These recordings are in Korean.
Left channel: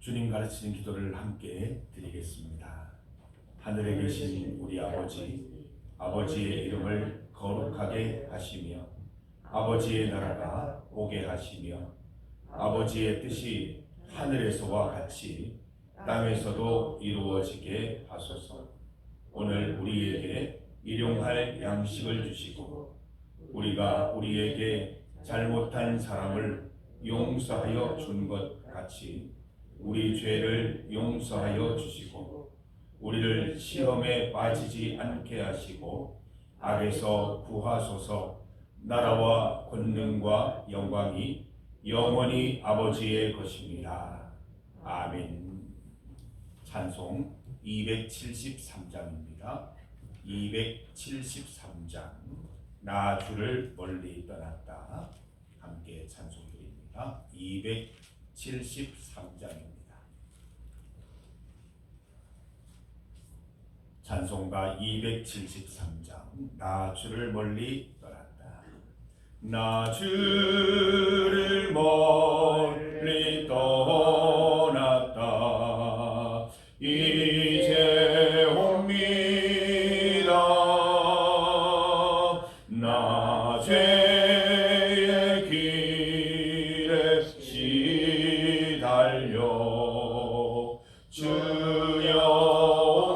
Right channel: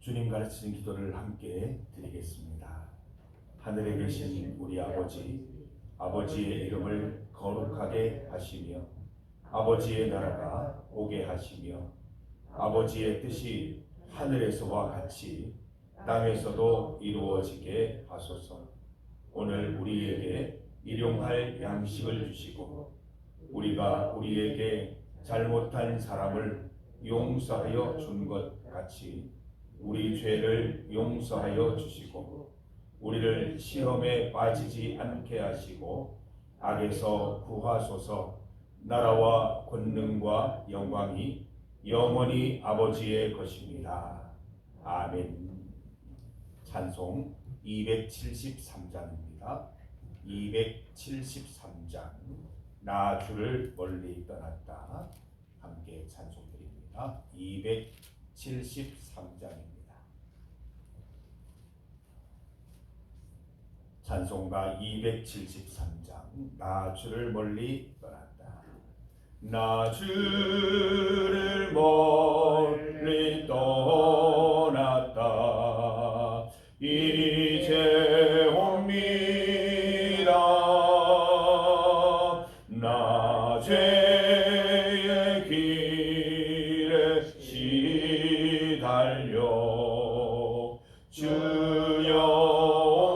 주님 가르치는 기도를 함께 드리겠습니다. 하늘에 계신 우리 아버지, 아버지의 이름을 거룩하게 하시며 아버지의 나라가 오게 하시며 아버지의 뜻이 하늘에서와 같이 땅에서도 이루어지게 하소서. 오늘 우리에게 일용할 양식을 주시고 우리가 우리에게 잘못한 사람을 용서하여 준 것 같이 우리 죄를 용서하여 주시고 우리를 시험에 빠지지 않게 하시고 악에서 구하소서. 나라와 권능과 영광이 영원히 아버지의 것입니다. 아멘. 찬송 273장입니다. 273장 나 주를 멀리 떠났다. 함께 찬송드립니다. 273장입니다. 찬송가 273장 나 주를 멀리 떠났다. 나 주를 멀리 떠났다. 이제 옵니다. 나 죄의 길에 시달려 주여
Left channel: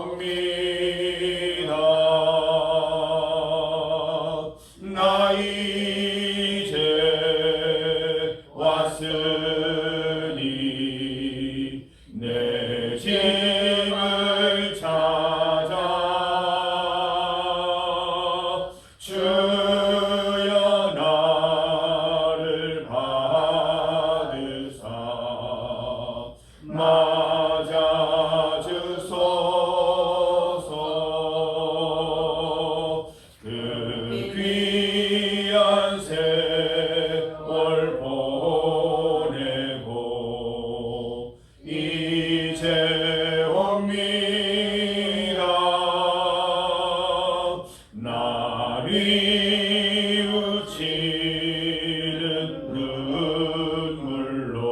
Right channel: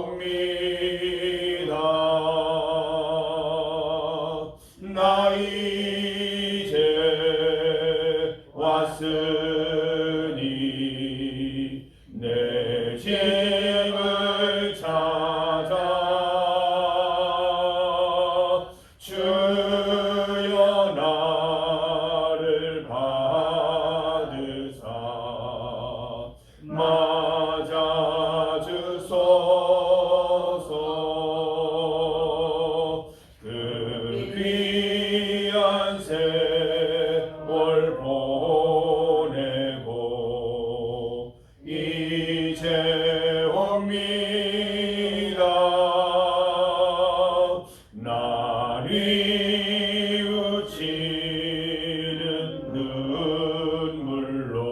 옵니다. 나 이제 왔으니 내 짐을 찾아 주여 나를 받으사 맞아 주소서. 그 귀한 세월 보내고 이제 옵니다. 날 뉘우치는 눈물로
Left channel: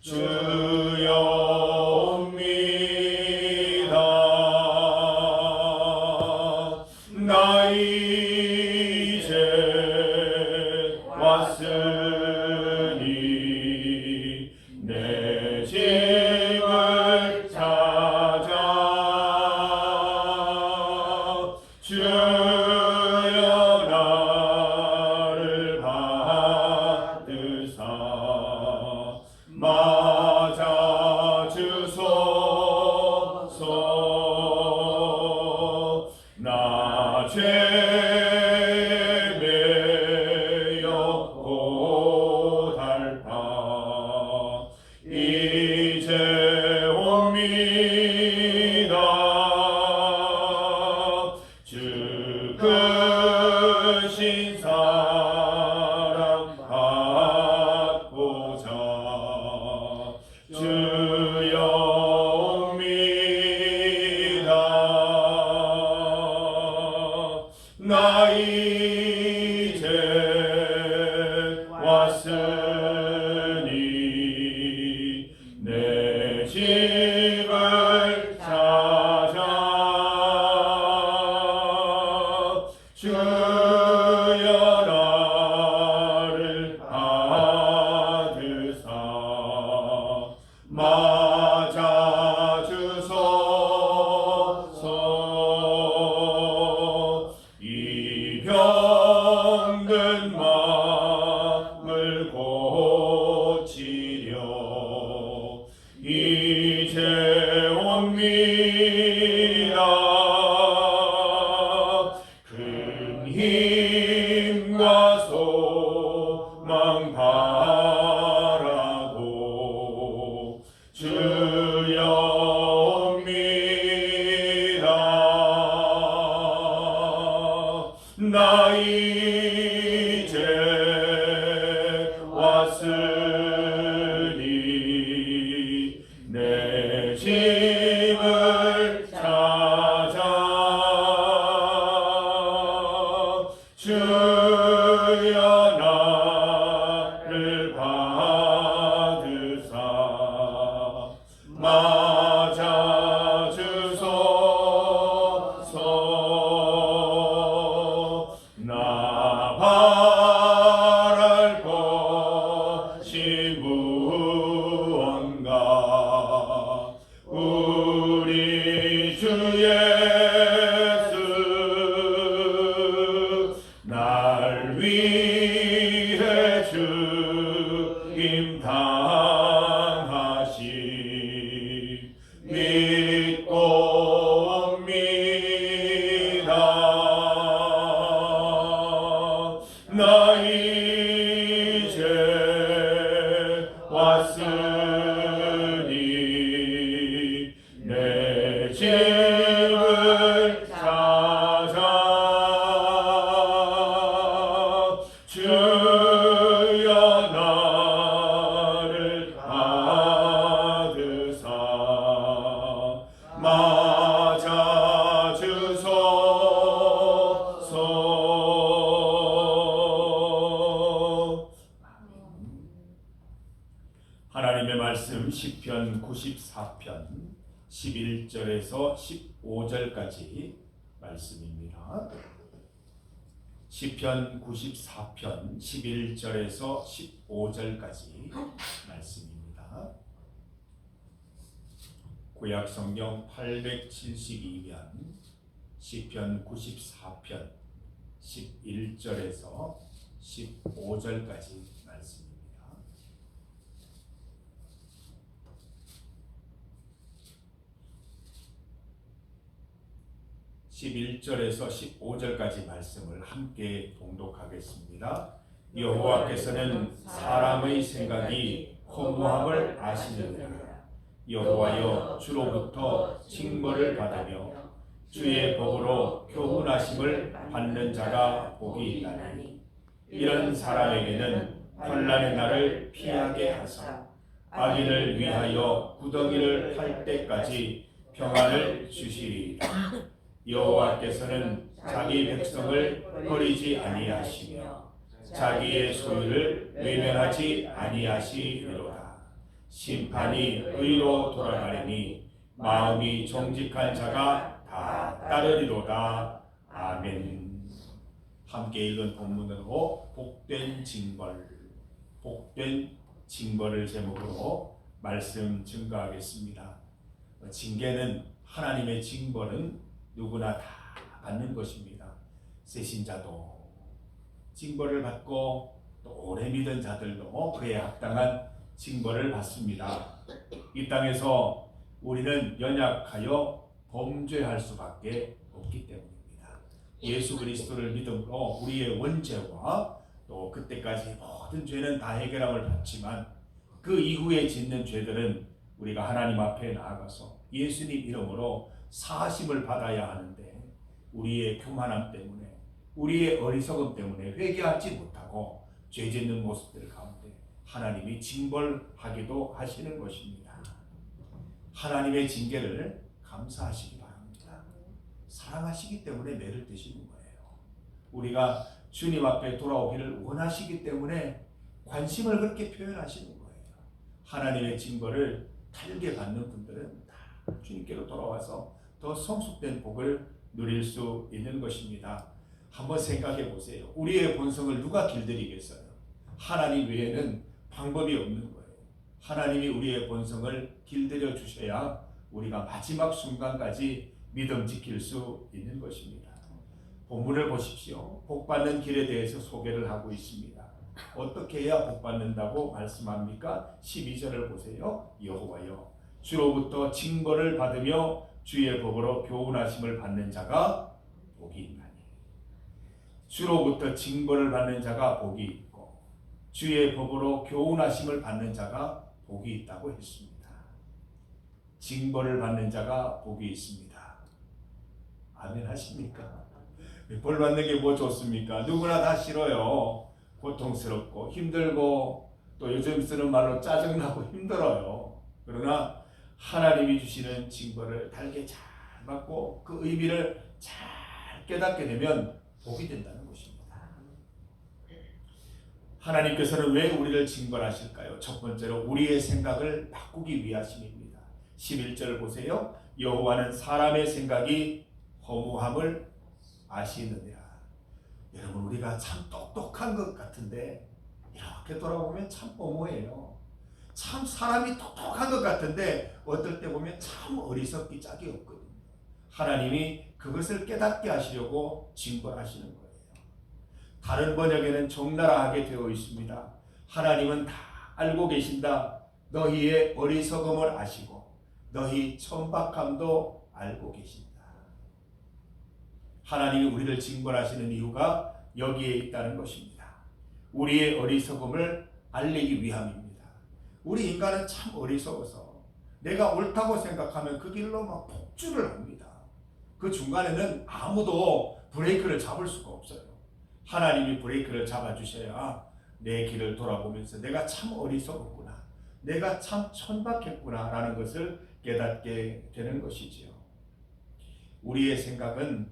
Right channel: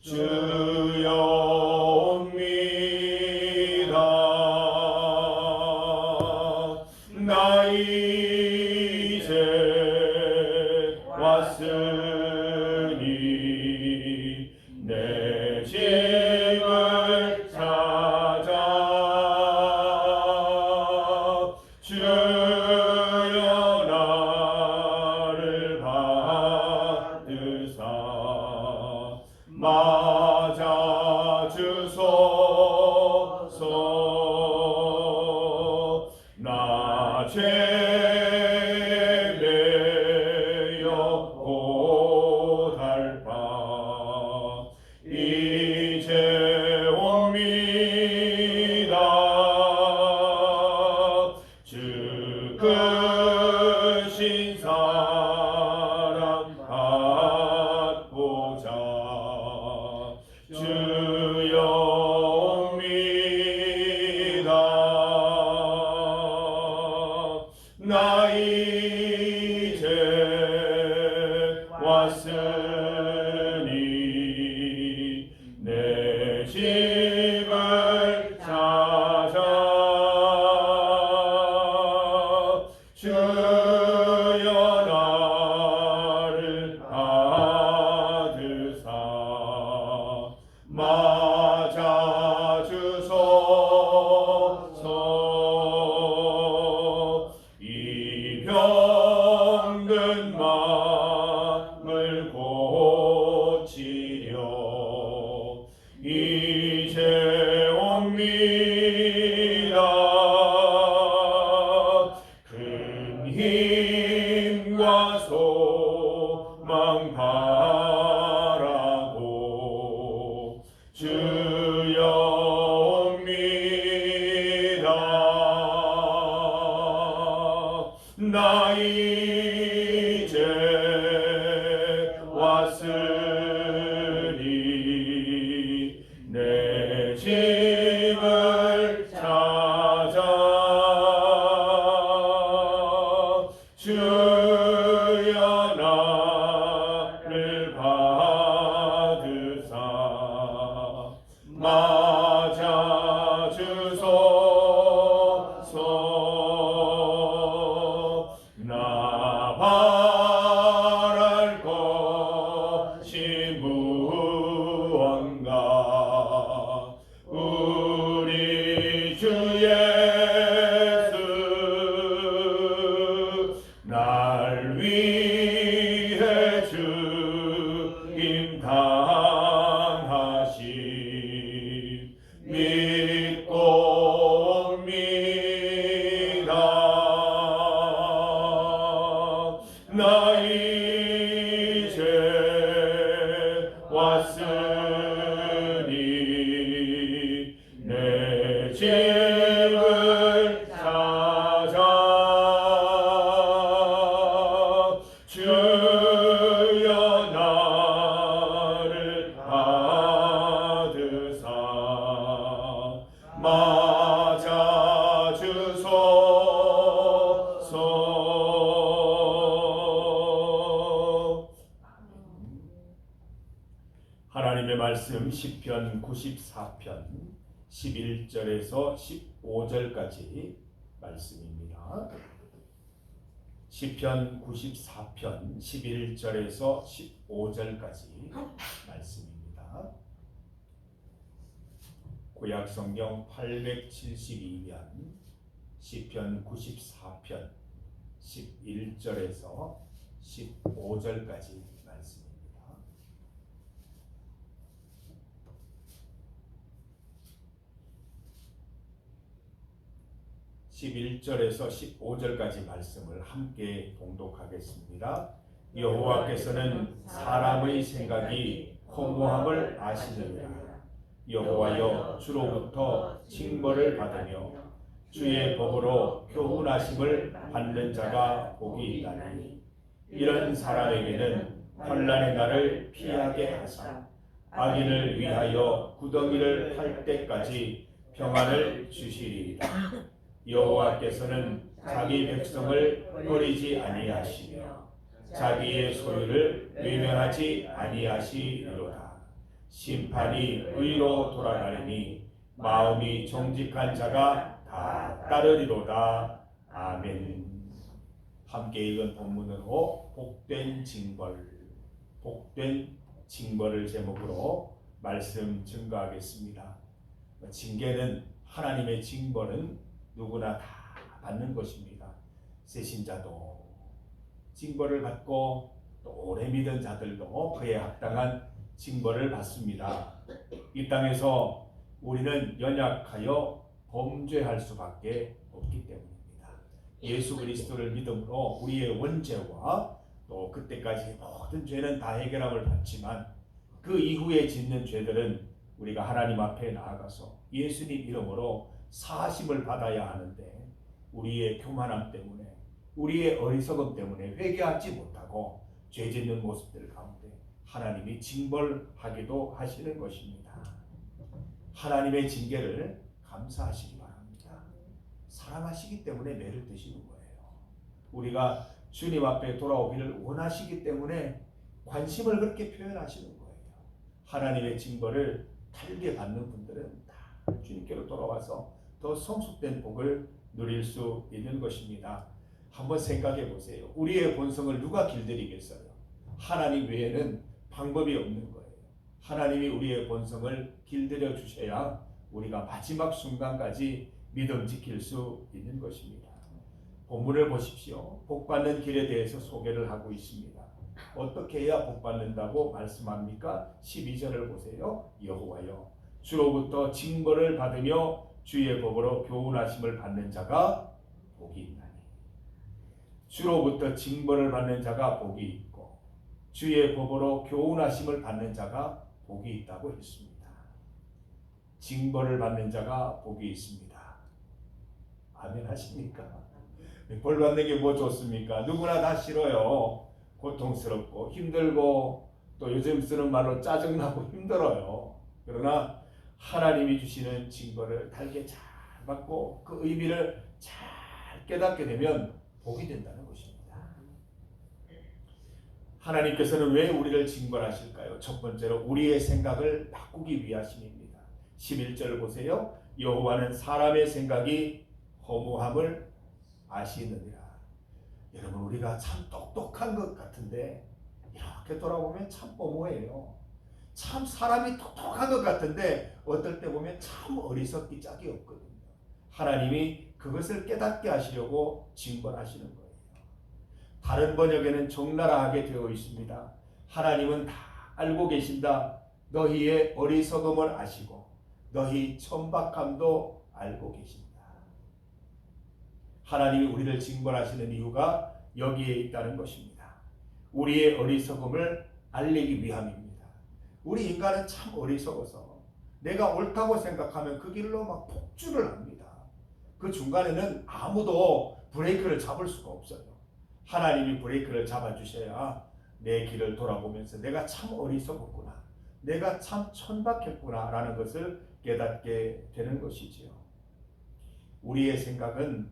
주여 옵니다. 나 이제 왔으니 내 짐을 찾아 주여 나를 받으사 맞아 주소서. 나 죄에 매여 고달파 이제 옵니다. 주 크신 사랑 받고자 주여 옵니다. 나 이제 왔으니 내 집을 찾아 주여 나를 받으사 맞아 주소서. 이 병든 마음을 고치려 이제 옵니다. 큰 힘과 소망 바라고 주여 옵니다. 나 이제 왔으니 내 짐을 찾아 주여 나를 받으사 무언가 우리 주 예수 날 위해 죽임 당하시 믿고 옵니다. 나 이제 왔으니 내 집을 찾아 주여 나를 받으사 맞아 주소서. 하나님의 말씀 시편 94편 11절에서 15절까지 말씀입니다. 시편 94편 11절에서 15절까지 말씀입니다. 구약 성경 872면 시편 94편 11절에서 15절까지 말씀입니다. 11절에서 15절까지 말씀을 함께 봉독하겠습니다. 여호와께서는 사람의 생각이 허무함을 아시느니라. 여호와여 주로부터 징벌을 받으며 주의 법으로 교훈하심을 받는 자가 복이 있나니 이런 사람에게는 환난의 날을 피하게 하사 악인을 위하여 구덩이를 팔 때까지 평안을 주시리이다. 여호와께서는 자기 백성을 버리지 아니하시며 자기의 소유를 외면하지 아니하시리로다. 심판이 의로 돌아가리니 마음이 정직한 자가 다 따르리로다. 아멘. 함께 읽은 본문으로 복된 징벌을 제목으로 말씀 증거하겠습니다. 징계는 하나님의 징벌은 누구나 다 받는 것입니다. 새신자도 징벌을 받고 또 오래 믿은 자들도 그에 합당한 징벌을 받습니다. 이 땅에서 우리는 연약하여 범죄할 수밖에 없기 때문입니다. 예수 그리스도를 믿음으로 우리의 원죄와 또 그때까지 모든 죄는 다 해결함을 받지만 그 이후에 짓는 죄들은 우리가 하나님 앞에 나아가서 예수님 이름으로 사하심을 받아야 하는데 우리의 교만함 때문에 우리의 어리석음 때문에 회개하지 못하고 죄 짓는 모습들 가운데 하나님이 징벌하기도 하시는 것입니다. 하나님의 징계를 감사하시기 바랍니다. 사랑하시기 때문에 매를 드시는 거예요. 우리가 주님 앞에 돌아오기를 원하시기 때문에 관심을 그렇게 표현하시는 거예요. 하나님의 징벌을 달게 받는 분들은 다 주님께로 돌아와서 더 성숙된 복을 누릴 수 있는 것입니다. 한번 생각해 보세요. 우리의 본성을 누가 길들이겠어요? 하나님 외에는 방법이 없는 거예요. 하나님이 우리의 본성을 길들여 주셔야 우리가 마지막 순간까지 믿음 지킬 수 있는 것입니다. 본문을 보십시오. 복받는 길에 대해서 소개를 하고 있습니다. 어떻게 해야 복받는다고 말씀합니까? 12절을 보세요. 여호와여 주로부터 징벌을 받으며 주의 법으로 교훈하심을 받는 자가 복이 있나니. 주로부터 징벌을 받는 자가 복이 있고 주의 법으로 교훈하심을 받는 자가 복이 있다고 했습니다. 징벌을 받는 자가 복이 있습니다. 아멘 하십니까? 벌 받는 게 뭐 좋습니까? 누구나 다 싫어요. 고통스럽고 힘들고 또 요즘 쓰는 말로 짜증나고 힘들어요. 그러나 하나님이 주시는 징벌을 달게 잘 받고 그 의미를 잘 깨닫게 되면 복이 된다는 것입니다. 하나님께서는 왜 우리를 징벌하실까요? 첫 번째로 우리의 생각을 바꾸기 위하심입니다. 11절 보세요. 여호와는 사람의 생각이 허무함을 아시느니라. 여러분 우리가 참 똑똑한 것 같은데 이렇게 돌아보면 참 허무해요. 참 사람이 똑똑한 것 같은데 어떨 때 보면 참 어리석기 짝이 없거든요. 하나님이 그것을 깨닫게 하시려고 징벌하시는 거예요. 다른 번역에는 적나라하게 되어 있습니다. 하나님은 다 알고 계신다. 너희의 어리석음을 아시고 너희 천박함도 알고 계신다. 하나님이 우리를 징벌하시는 이유가 여기에 있다는 것입니다. 우리의 어리석음을 알리기 위함입니다. 우리 인간은 참 어리석어서 내가 옳다고 생각하면 그 길로 막 폭주를 합니다. 그 중간에는 아무도 브레이크를 잡을 수가 없어요. 하나님이 브레이크를 잡아주셔야 내 길을 돌아보면서 내가 참 어리석었구나, 내가 참 천박했구나 라는 것을 깨닫게 되는 것이지요. 우리의 생각은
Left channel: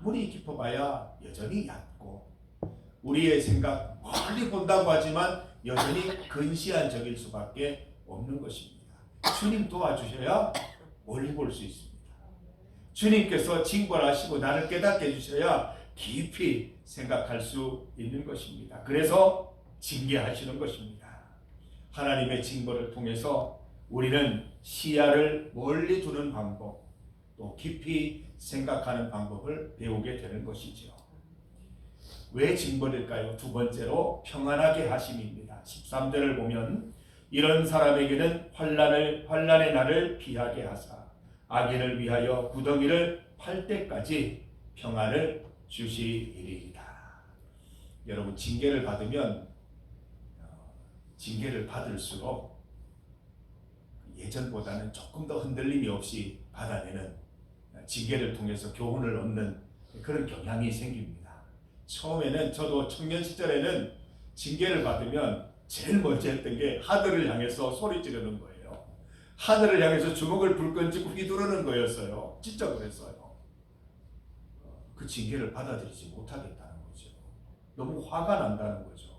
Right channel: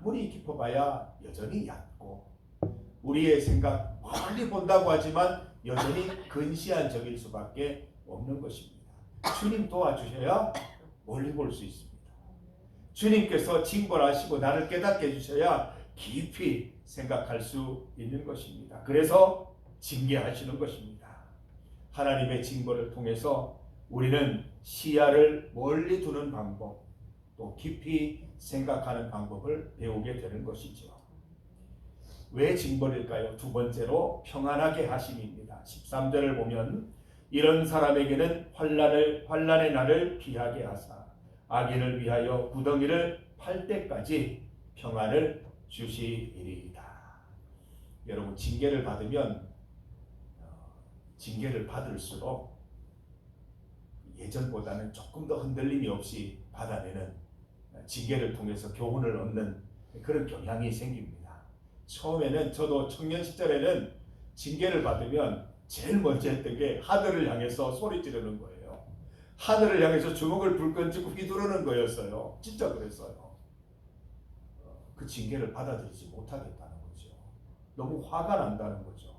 아무리 깊어봐야 여전히 얕고, 우리의 생각 멀리 본다고 하지만 여전히 근시안적일 수밖에 없는 것입니다. 주님 도와주셔야 멀리 볼 수 있습니다. 주님께서 징벌하시고 나를 깨닫게 해주셔야 깊이 생각할 수 있는 것입니다. 그래서 징계하시는 것입니다. 하나님의 징벌을 통해서 우리는 시야를 멀리 두는 방법, 또 깊이 생각하는 방법을 배우게 되는 것이죠. 왜 징벌일까요? 두 번째로 평안하게 하심입니다. 13절을 보면 이런 사람에게는 환난의 날을 피하게 하사 악인을 위하여 구덩이를 팔 때까지 평안을 주시리이다. 여러분, 징계를 받으면 징계를 받을수록 예전보다는 조금 더 흔들림이 없이 받아내는, 징계를 통해서 교훈을 얻는 그런 경향이 생깁니다. 처음에는 저도 청년 시절에는 징계를 받으면 제일 먼저 했던 게 하늘을 향해서 소리 지르는 거예요. 하늘을 향해서 주먹을 불끈 쥐고 휘두르는 거였어요. 진짜 그랬어요. 그 징계를 받아들이지 못하겠다는 거죠. 너무 화가 난다는 거죠.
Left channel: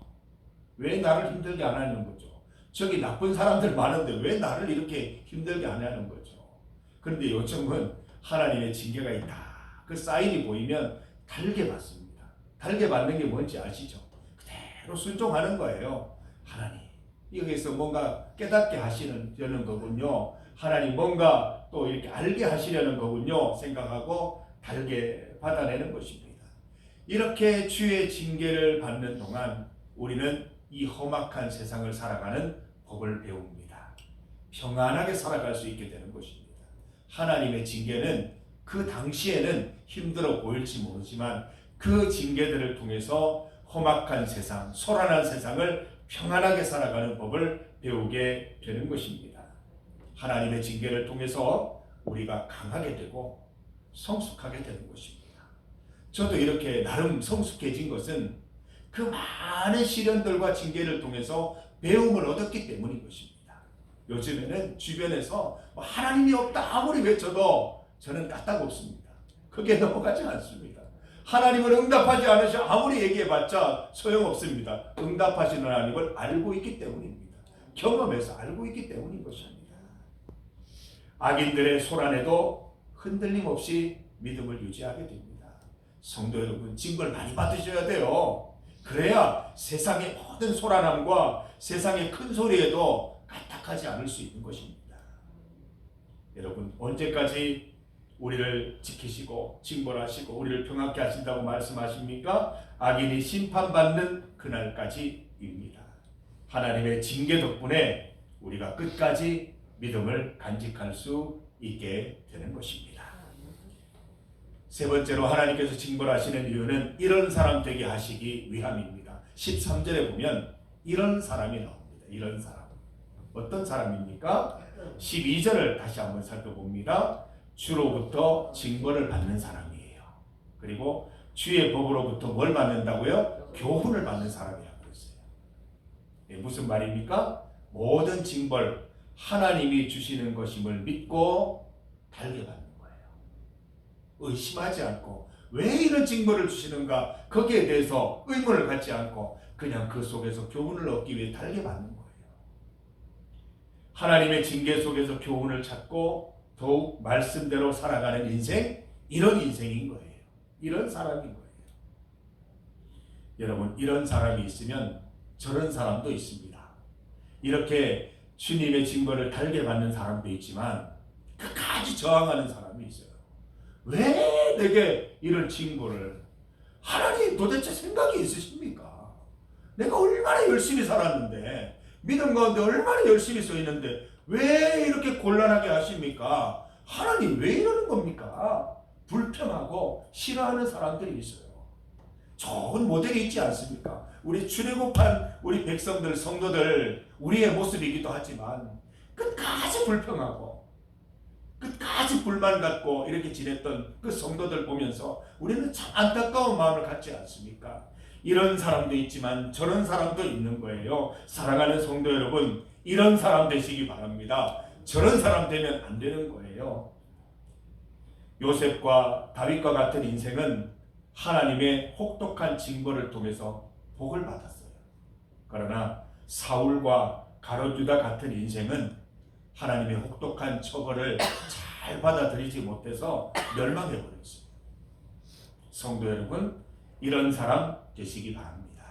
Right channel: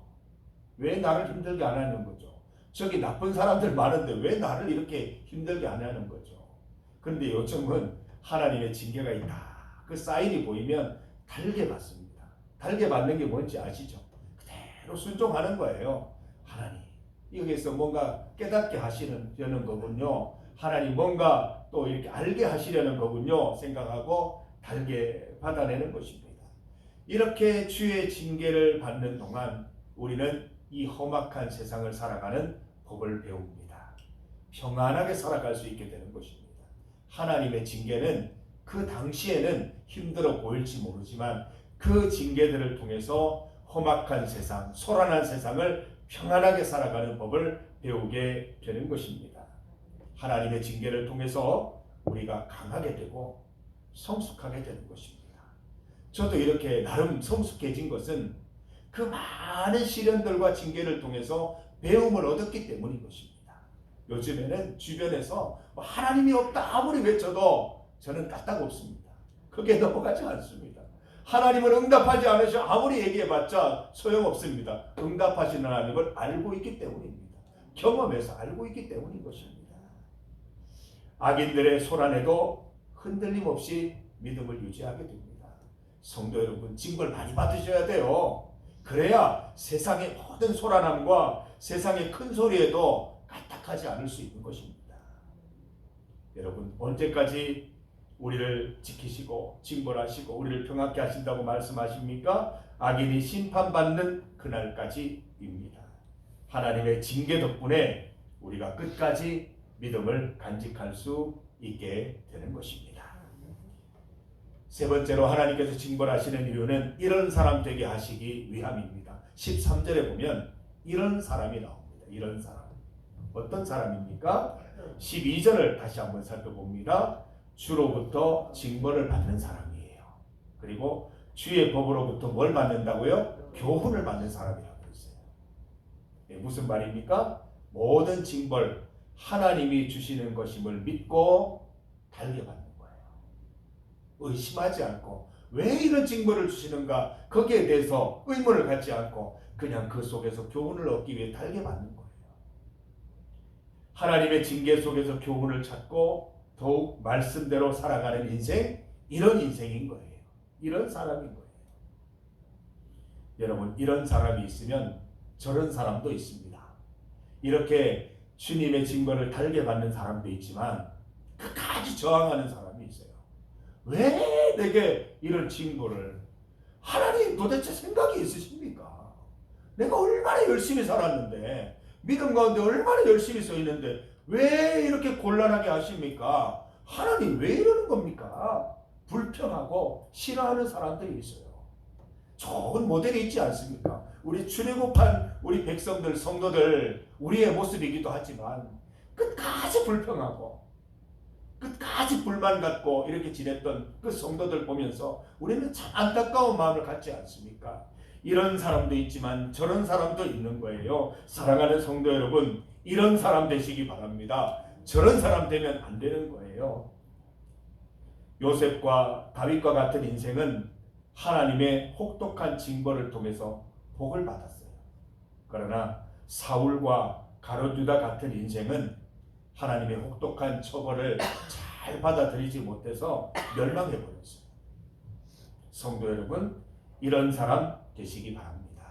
왜 나를 힘들게 안 하는 거죠? 저기 나쁜 사람들 많은데 왜 나를 이렇게 힘들게 안 하는 거죠? 그런데 요즘은 하나님의 징계가 있다, 그 사인이 보이면 달게 받습니다. 달게 받는 게 뭔지 아시죠? 그대로 순종하는 거예요. 하나님, 여기서 뭔가 깨닫게 하시려는 거군요. 하나님 뭔가 또 이렇게 알게 하시려는 거군요. 생각하고 달게 받아내는 것입니다. 이렇게 주의 징계를 받는 동안 우리는 이 험악한 세상을 살아가는 법을 배웁니다. 평안하게 살아갈 수 있게 되는 것입니다. 하나님의 징계는 그 당시에는 힘들어 보일지 모르지만 그 징계들을 통해서 험악한 세상, 소란한 세상을 평안하게 살아가는 법을 배우게 되는 것입니다. 하나님의 징계를 통해서 우리가 강하게 되고 성숙하게 되는 것입니다. 저도 이렇게 나름 성숙해진 것은 그 많은 시련들과 징계를 통해서 배움을 얻었기 때문인 것입니다. 요즘에는 주변에서 하나님이 없다 아무리 외쳐도 저는 까딱없습니다. 그게 넘어가지 않습니다. 하나님은 응답하지 않으셔 아무리 얘기해봤자 소용없습니다. 응답하시는 하나님을 알고 있기 때문입니다. 경험해서 알고 있기 때문인 것입니다. 악인들의 소란에도 흔들림 없이 믿음을 유지하게 됩니다. 성도 여러분, 징벌 많이 받으셔야 돼요. 그래야 세상의 모든 소란함과 세상의 큰 소리에도 까딱하지 않을 수 있는 것입니다. 여러분, 언제까지 우리를 지키시고 징벌하시고 우리를 평안케 하신다고 말씀하십니까? 악인이 심판받는 그날까지입니다. 하나님의 징계 덕분에 우리가 끝까지 믿음을 간직할 수 있게 되는 것입니다. 세 번째로 하나님께서 징벌하시는 이유는 이런 사람 되게 하시기 위함입니다. 13절에 보면 이런 사람이 나옵니다. 이런 사람. 어떤 사람입니까? 12절을 다시 한번 살펴봅니다. 주로부터 징벌을 받는 사람이에요. 그리고 주의 법으로부터 뭘 받는다고요? 교훈을 받는 사람이라고 했어요. 무슨 말입니까? 모든 징벌 하나님이 주시는 것임을 믿고 달게 받는 거예요. 의심하지 않고 왜 이런 징벌을 주시는가 거기에 대해서 의문을 갖지 않고 그냥 그 속에서 교훈을 얻기 위해 달게 받는 거예요. 하나님의 징계 속에서 교훈을 찾고 더욱 말씀대로 살아가는 인생, 이런 인생인 거예요. 이런 사람인 거예요. 여러분, 이런 사람이 있으면 저런 사람도 있습니다. 이렇게 주님의 징벌을 달게 받는 사람도 있지만 끝까지 저항하는 사람이 있어요. 왜 내게 이런 징벌을? 하나님 도대체 생각이 있으십니까? 내가 얼마나 열심히 살았는데, 믿음 가운데 얼마나 열심히 서 있는데 왜 이렇게 곤란하게 하십니까? 하나님 왜 이러는 겁니까? 불평하고 싫어하는 사람들이 있어요. 좋은 모델이 있지 않습니까? 우리 출애굽한 우리 백성들, 성도들, 우리의 모습이기도 하지만 끝까지 불평하고 끝까지 불만 갖고 이렇게 지냈던 그 성도들 보면서 우리는 참 안타까운 마음을 갖지 않습니까? 이런 사람도 있지만 저런 사람도 있는 거예요. 사랑하는 성도 여러분, 이런 사람 되시기 바랍니다. 저런 사람 되면 안 되는 거예요. 요셉과 다윗과 같은 인생은 하나님의 혹독한 징벌을 통해서 복을 받았어요. 그러나 사울과 가룟 유다 같은 인생은 하나님의 혹독한 처벌을 잘 받아들이지 못해서 멸망해 버렸어요. 성도 여러분, 이런 사람 되시기 바랍니다.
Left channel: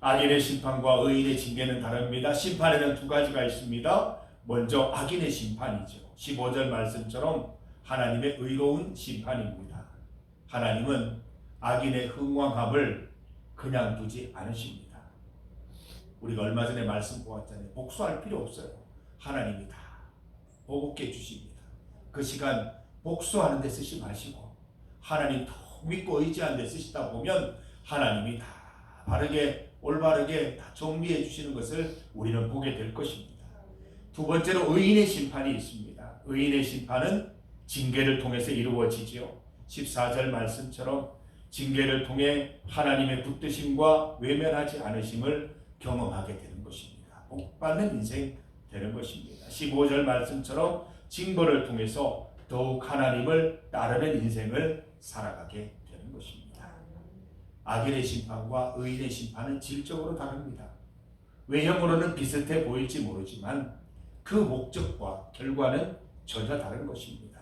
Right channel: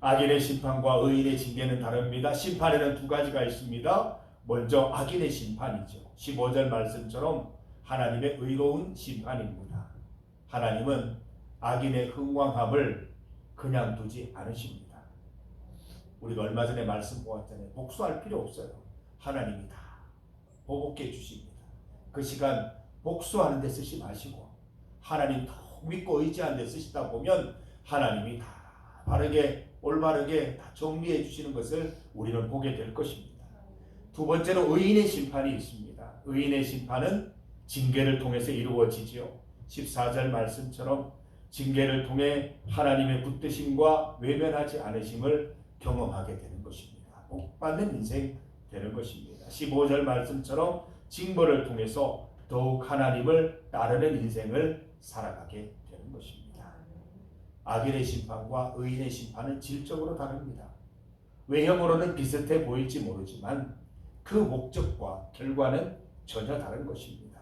악인의 심판과 의인의 징계는 다릅니다. 심판에는 두 가지가 있습니다. 먼저 악인의 심판이죠. 15절 말씀처럼 하나님의 의로운 심판입니다. 하나님은 악인의 흥왕함을 그냥 두지 않으십니다. 우리가 얼마 전에 말씀 보았잖아요. 복수할 필요 없어요. 하나님이 다 보복해 주십니다. 그 시간 복수하는 데 쓰지 마시고 하나님 더 믿고 의지하는 데 쓰시다 보면 하나님이 다 바르게 올바르게 다 정리해 주시는 것을 우리는 보게 될 것입니다. 두 번째로 의인의 심판이 있습니다. 의인의 심판은 징계를 통해서 이루어지지요. 14절 말씀처럼 징계를 통해 하나님의 붙드심과 외면하지 않으심을 경험하게 되는 것입니다. 복받는 인생 되는 것입니다. 15절 말씀처럼 징벌을 통해서 더욱 하나님을 따르는 인생을 살아가게 되는 것입니다. 악인의 심판과 의인의 심판은 질적으로 다릅니다. 외형으로는 비슷해 보일지 모르지만 그 목적과 결과는 전혀 다른 것입니다.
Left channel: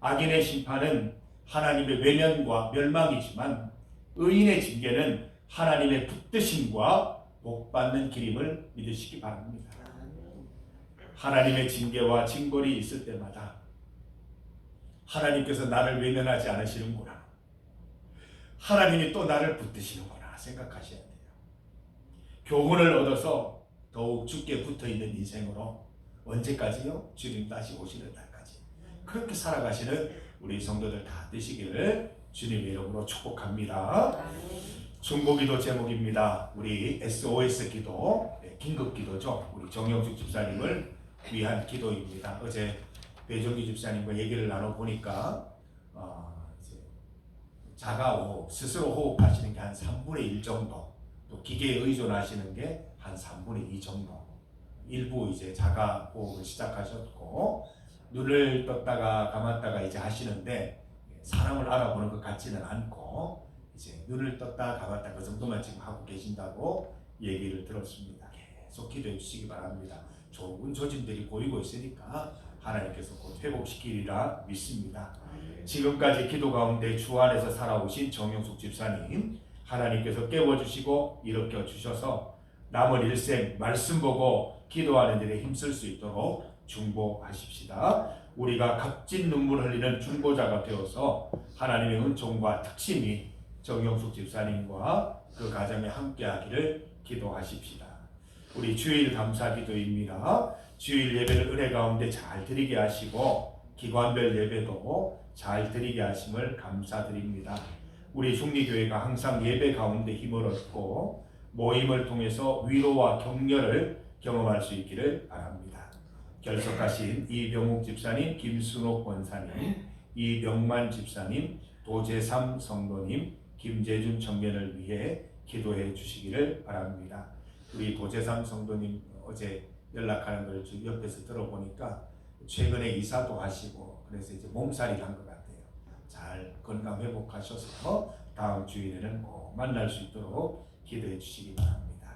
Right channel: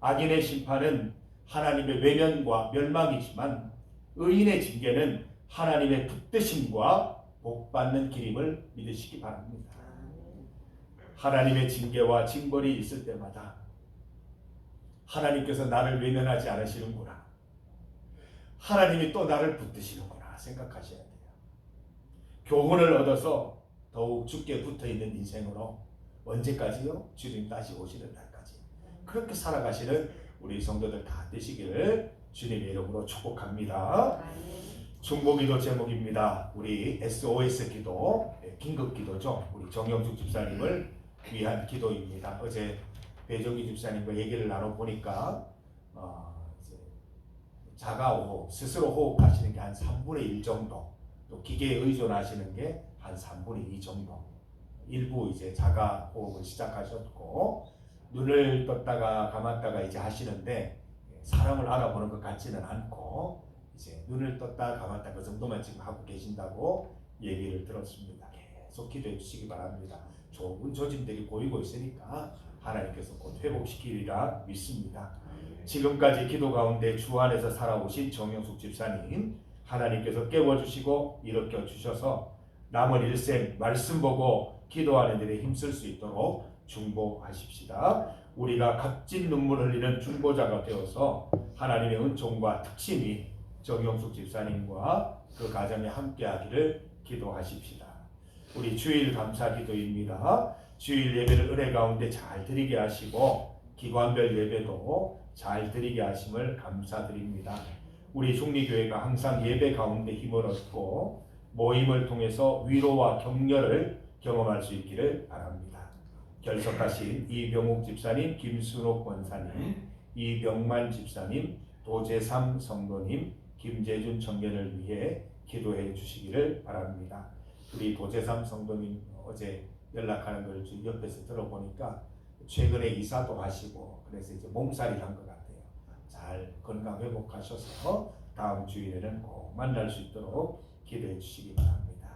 악인의 심판은 하나님의 외면과 멸망이지만 의인의 징계는 하나님의 붙드심과 복받는 길임을 믿으시기 바랍니다. 하나님의 징계와 징벌이 있을 때마다 하나님께서 나를 외면하지 않으시는구나, 하나님이 또 나를 붙드시는구나 생각하셔야 돼요. 교훈을 얻어서 더욱 주께 붙어있는 인생으로 언제까지요? 주님 다시 오시는 날까지 그렇게 살아가시는 우리 성도들 다 되시기를 주님의 이름으로 축복합니다. 중보기도 제목입니다. 우리 SOS 기도, 긴급 기도죠. 우리 정영숙 집사님을 위한 기도입니다. 어제 배종기 집사님과 얘기를 나눠보니까 이제 자가호흡, 스스로 호흡하시는 게 한 3분의 1 정도, 또 기계에 의존하시는 게 한 3분의 2 정도, 일부 이제 자가호흡을 시작하셨고 눈을 떴다가 감았다가 이제 하시는데 사람을 알아보는 것 같지는 않고 이제 눈을 떴다 감았다 그 정도만 지금 하고 계신다고 얘기를 들었습니다. 계속 기도해 주시기 바랍니다. 좋은 조짐들이 보이고 있으니까 하나님께서 곧 회복시키리라 믿습니다. 지금까지 기도 가운데 주 안에서 살아오신 정영숙 집사님, 하나님께서 깨워주시고 일으켜 주셔서 남은 일생 말씀 보고 기도하는 일에 힘쓸 수 있도록 중보하십시다. 우리가 값진 눈물 흘리는 중보자가 되어서 하나님의 은총과 특심이 정영숙 집사님과 그 가정에 함께하기를 기도하십시다. 우리 주일 감사 기도입니다. 주일 예배를 은혜 가운데 잘 드리게 하시고 기관별 예배도 잘 드리게 하심을 감사드립니다. 우리 중리교회가 항상 예배 가운데 힘을 얻고 모임을 통해서 위로와 격려를 경험할 수 있기를 바랍니다. 결석하신 이병욱 집사님, 김순옥 권사님, 이병만 집사님, 도재삼 성도님, 김재준 청년을 위해 기도해 주시기를 바랍니다. 우리 도재삼 성도님 어제 연락하는 걸 옆에서 들어보니까 최근에 이사도 하시고 그래서 이제 몸살이 난 것 같아요. 잘 건강 회복하셔서 다음 주일에는 꼭 만날 수 있도록 기도해 주시기 바랍니다.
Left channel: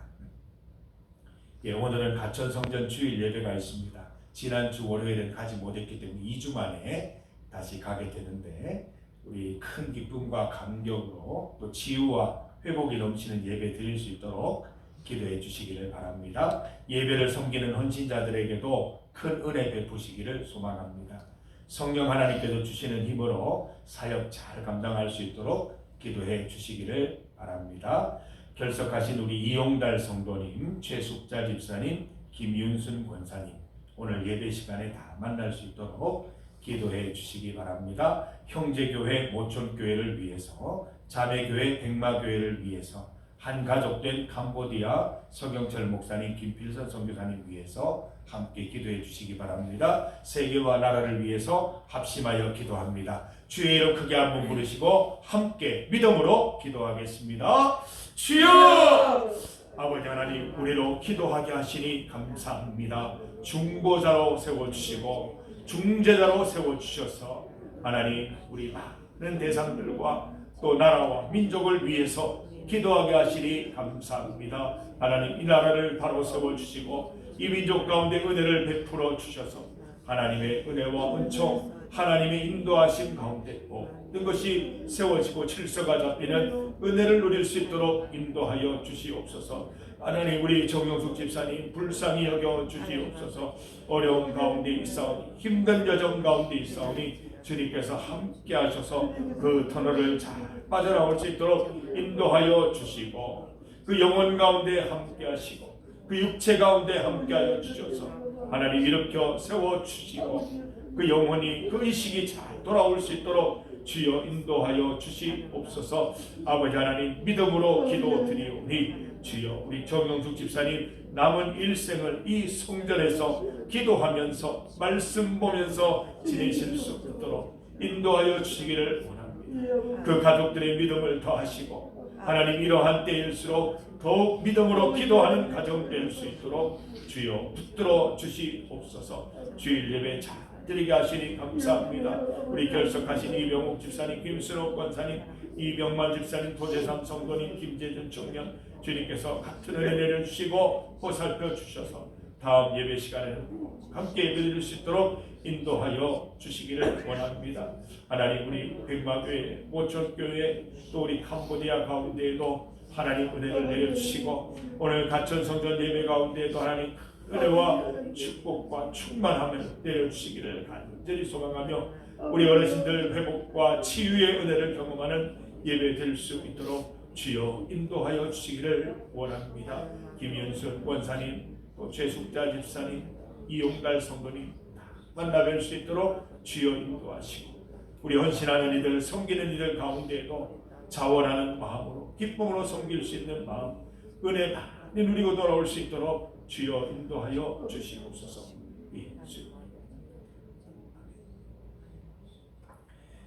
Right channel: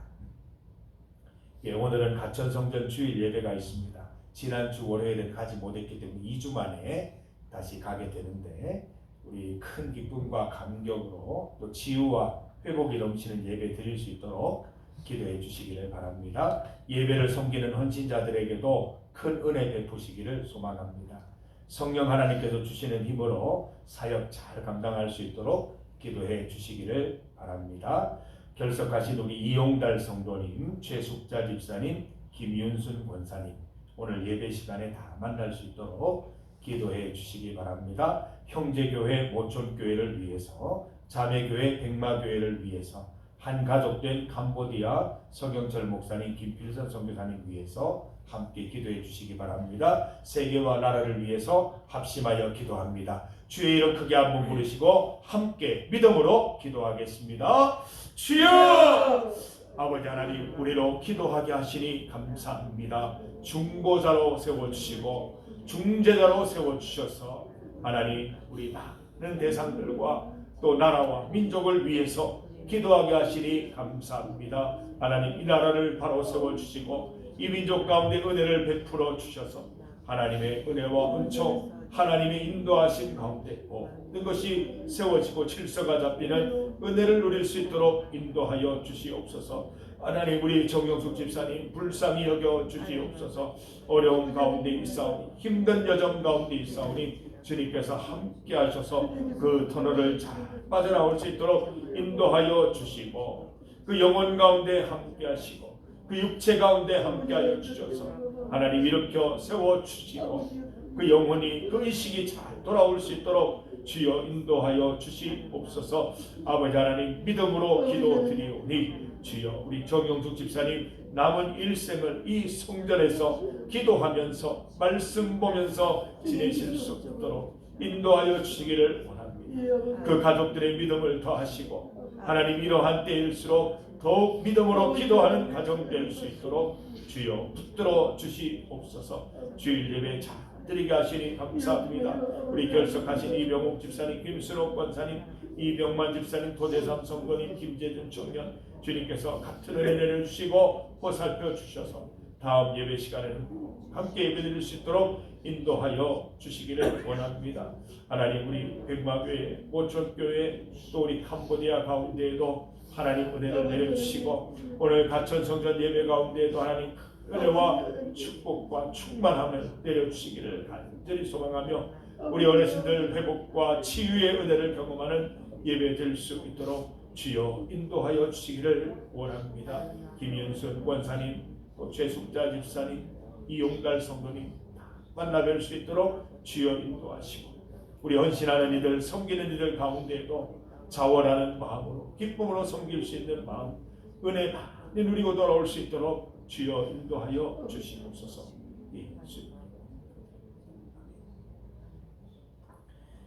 예, 오늘은 가천성전 주일 예배가 있습니다. 지난주 월요일은 가지 못했기 때문에 2주 만에 다시 가게 되는데 우리 큰 기쁨과 감격으로 또 치유와 회복이 넘치는 예배 드릴 수 있도록 기도해 주시기를 바랍니다. 예배를 섬기는 헌신자들에게도 큰 은혜 베푸시기를 소망합니다. 성령 하나님께서 주시는 힘으로 사역 잘 감당할 수 있도록 기도해 주시기를 바랍니다. 결석하신 우리 이용달 성도님, 최숙자 집사님, 김윤순 권사님, 오늘 예배 시간에 다 만날 수 있도록 기도해 주시기 바랍니다. 형제교회 모촌교회를 위해서, 자매교회 백마교회를 위해서, 한 가족된 캄보디아 서경철 목사님, 김필선 선교사님 위해서 함께 기도해 주시기 바랍니다. 세계와 나라를 위해서 합심하여 기도합니다. 주의 이름 크게 한번 부르시고 함께 믿음으로 기도하겠습니다. 주여! 아버지 하나님, 우리로 기도하게 하시니 감사합니다. 중보자로 세워주시고 중재자로 세워주셔서 하나님, 우리 많은 대상들과 또 나라와 민족을 위해서 기도하게 하시니 감사합니다. 하나님, 이 나라를 바로 세워주시고 이 민족 가운데 은혜를 베풀어 주셔서 하나님의 은혜와 은총, 하나님의 인도하심 가운데 모든 것이 세워지고 질서가 잡히는 은혜를 누릴 수 있도록 인도하여 주시옵소서. 하나님, 우리 정영숙 집사님 불쌍히 여겨 주시옵소서. 어려운 가운데 있사오니, 힘든 여정 가운데 있사오니 주님께서 함께 하셔서 그 터널을 잘 빠져나올 수 있도록 인도하여 주시고, 그 영혼 가운데 함께 하시고 그 육체 가운데 함께 하여 주셔서 하나님 일으켜 세워 주시고 그 영혼이, 그 의식이 잘 돌아올 수 있도록 주여 인도하여 주시옵소서. 아버지 하나님, 믿음으로 기도드리오니 주여 우리 정영숙 집사님 남은 일생을 이 성전에서 기도하면서 말씀 보면서 지내실 수 있도록 인도하여 주시기를 원합니다. 그 가족들의 믿음을 더하시고 하나님, 이러한 때일수록 더욱 믿음으로 기도하는 가정 될 수 있도록 주여 붙들어 주시옵소서. 주일 예배 잘 드리게 하시니 감사합니다. 우리 결석하신 이병욱 집사님, 김순옥 권사님, 이병만 집사님, 도대삼 성도님, 김재준 청년, 주님께서 같은 은혜 내려주시고 보살펴 주셔서 다음 예배 시간에는 함께 예배드릴 수 있도록 인도하여 주시기를 원합니다. 하나님, 우리 백마교회, 모촌교회, 또 우리 캄보디아 가운데에도 하나님 은혜를 내려주시고 오늘 가천 성전 예배 가운데에도 하나님 은혜와 축복과 충만함을 내려주시기를 간절히 소망하며 우리 어르신들 회복과 치유의 은혜를 경험하는 예배 될 수 있도록 주여 인도하여 주시기를 원합니다. 김윤순 권사님, 또 최숙자 집사님, 이용달 성도님 만나 뵐 수 있도록 주여 인도하시고 우리 헌신하는 이들, 섬기는 이들 가운데에도 자원하는 마음으로 기쁨으로 섬길 수 있는 마음, 은혜 많이 누리고 돌아올 수 있도록 주여 인도하여 주시옵소서.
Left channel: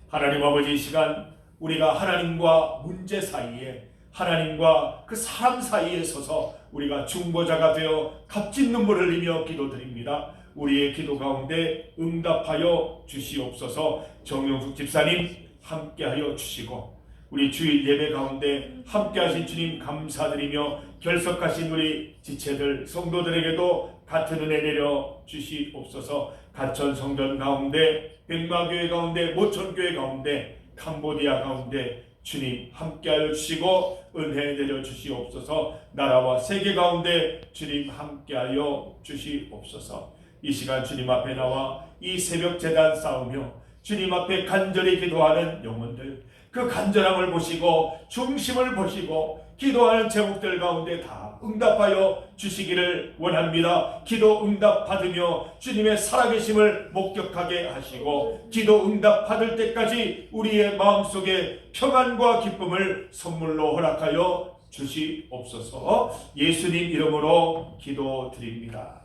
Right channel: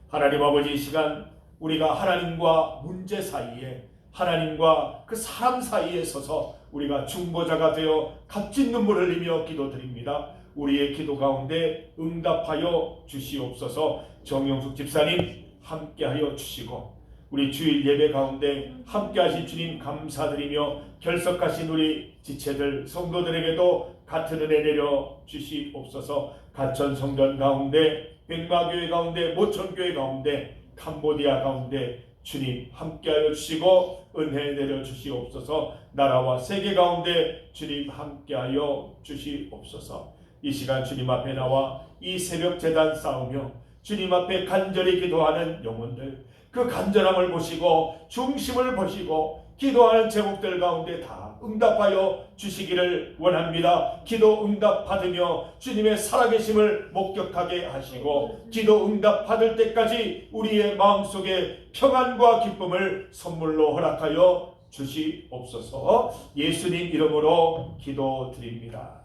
하나님 아버지, 이 시간 우리가 하나님과 문제 사이에, 하나님과 그 사람 사이에 서서 우리가 중보자가 되어 값진 눈물을 흘리며 기도드립니다. 우리의 기도 가운데 응답하여 주시옵소서. 정영숙 집사님 함께하여 주시고 우리 주일 예배 가운데 함께하신 주님 감사드리며 결석하신 우리 지체들 성도들에게도 같은 은혜 내려 주시옵소서. 가천 성전 가운데, 백마교회 가운데, 모천교회 가운데, 캄보디아 가운데 주님 함께하여 주시고 은혜 내려 주시옵소서. 나라와 세계 가운데 주님 함께하여 주시옵소서. 이 시간 주님 앞에 나와 이 새벽 제단 쌓으며 주님 앞에 간절히 기도하는 영혼들, 그 간절함을 보시고 중심을 보시고 기도하는 제목들 가운데 다 응답하여 주시기를 원합니다. 기도 응답 받으며 주님의 살아계심을 목격하게 하시고 기도 응답 받을 때까지 우리의 마음속에 평안과 기쁨을 선물로 허락하여 주시옵소서. 예수님 이름으로 기도드립니다.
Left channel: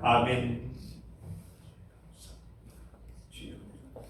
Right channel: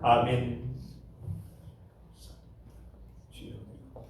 아멘.